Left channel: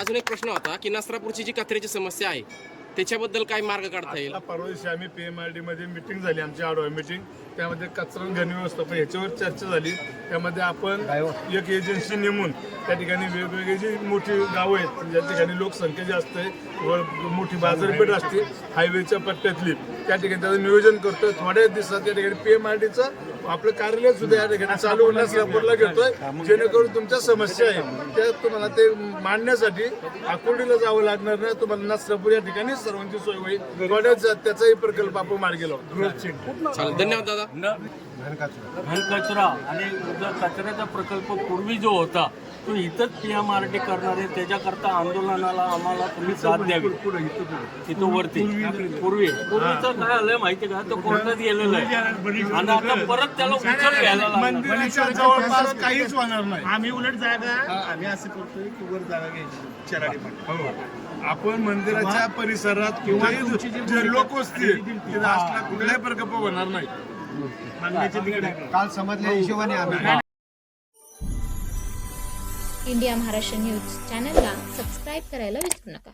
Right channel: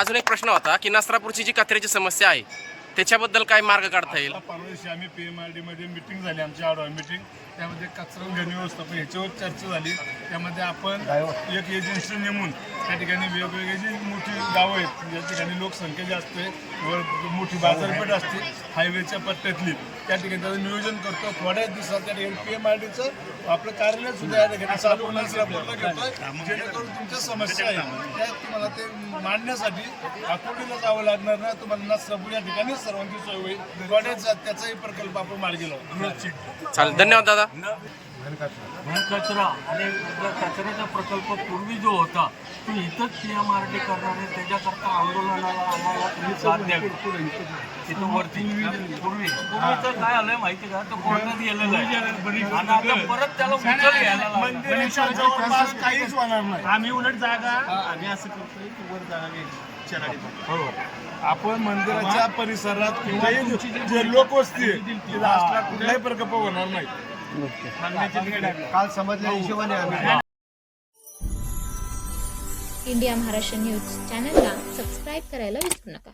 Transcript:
अजून एक प्रश्न होता की नसरापूरची जी कचऱ्याची समस्या आहे त्याच्याबद्दल काय मार्ग काढता येईल? परवा दिवशी आम्ही PMRD मध्ये मीटिंग झाली, आमची आढावा मीटिंग. त्यामध्ये कचरा आणि घन व्यवस्थापन ह्याच्यावर चर्चा झाली. त्यामध्ये आपण एक एजन्सी नेमून त्या ठिकाणी वेगवेगळी जी मोठी गावं आहेत ज्या ठिकाणी लोकसंख्या जास्त आहे व मोठी बाजारपेठ असते हायवेच्या पट्ट्यातली, त्या ठिकाणी त्याचं नियोजन करतोय. थोड्या दिवसात त्या ठिकाणी PMRDचं आपलं कार्यालय सुद्धा या ठिकाणी चालू होण्यास नसरापूरला घेतोय, जेणेकरून तुमच्या समस्या आहे त्या तुम्हाला ते मांडण्यासाठी आकुर्डीला जावं लागणार नाही. तुम्हाला नसरापूर या ठिकाणी सर्वांची सोय होईल. थोड्याच त्याचाही प्रकल्प आपण मार्गी लावतो. चालेल, धन्यवाद दादा. घन कचरा आणि जो कचऱ्याचा प्रकल्प पूर्वी जो होता तो इथंच PMRD करणार आहे. त्याच्याकरता आंदोलनाला आम्हाला तुम्ही साथ द्यावी. तिथं वरती पूर्वीचं काय आलंय माहिती का, तो कोर्टात गेलेलं आहे आणि आता परत त्याला उचल घ्यायला मंदिराच्या जवळपास काहीच होणार नाही. आम्ही उलट जागा आम्ही असं करतोय की वर जागा घ्यायची. आपण मंदिराच्या परिसरात किंवा जे लोकवस्ती आहे तिथं असला कुठलाही प्रकल्प होणार नाही. काल समजल्या हिशोबाने आम्ही इंडिया महाराष्ट्र न्यूज चॅनलला सबस्क्राईब करायला विसरू नका.